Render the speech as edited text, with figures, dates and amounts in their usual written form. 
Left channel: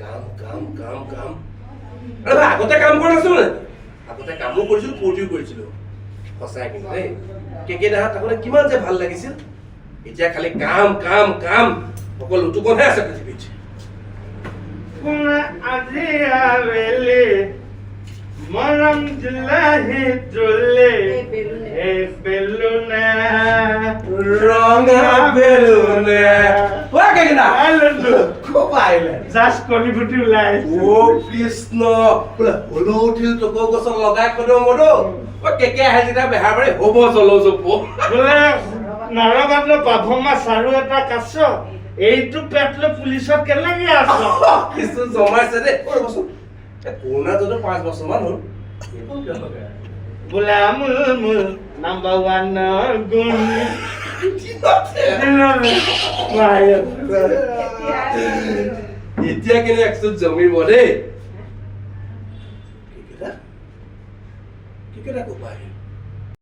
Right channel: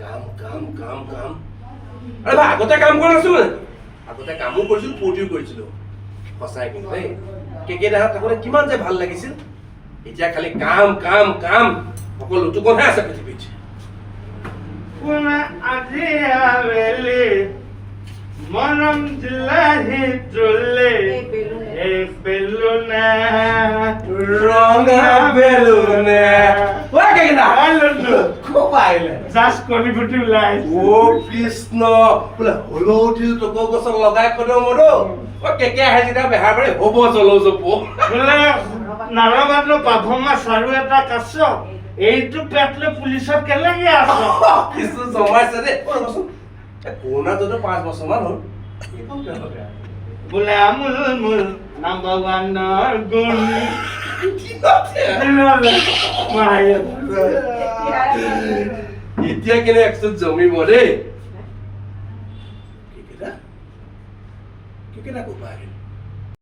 কাম কাম কাম কাম আৰে ভাই আগতে কাম কৰি নাছিলো নে আগতে কামো কৰিছিলো ফূৰ্তিও কৰিছিলো সঁচাই কিন্তু দেই কেকে দেখা থাকোতে কিমান যে ভাল লাগিছিল এতিয়া খালি কাম কাম কাম অকল লুটুকনহে আছে পৃথিৱীত আজি আবেলি মনম দিলাহি তুলে এই বেলুনা ৰঙা বেলুনে ওই কেকে না আইলু খুব আইলে জাস্ট কলি ফুটি ওলাই ও কৃষ্ণ বোলে হলৌঠিল টকৌ গছত লগাই খদৌ মদৌ ও কেকে আহে যেতিয়া বেহাৰ বাৰী হ'ব জলৌ জপৌ বোলে নাৰবাদৰ পাৰফৰ্মাঞ্চ আৰু এটা কাছ এইটো পেটলে পুলিচত কেলেগে আছ কিছু জমাইছে দেই ৰ'বচোন কৰোণা যদি 5 বছৰমান হ'ল এইবোৰ কিয় লগাই বোলে আমুল মুল নাম্বাৰ ওৱানৰ গুণ এতিয়া কেনে একচুট জমিব দেই কেকেটা ক'ব আহিল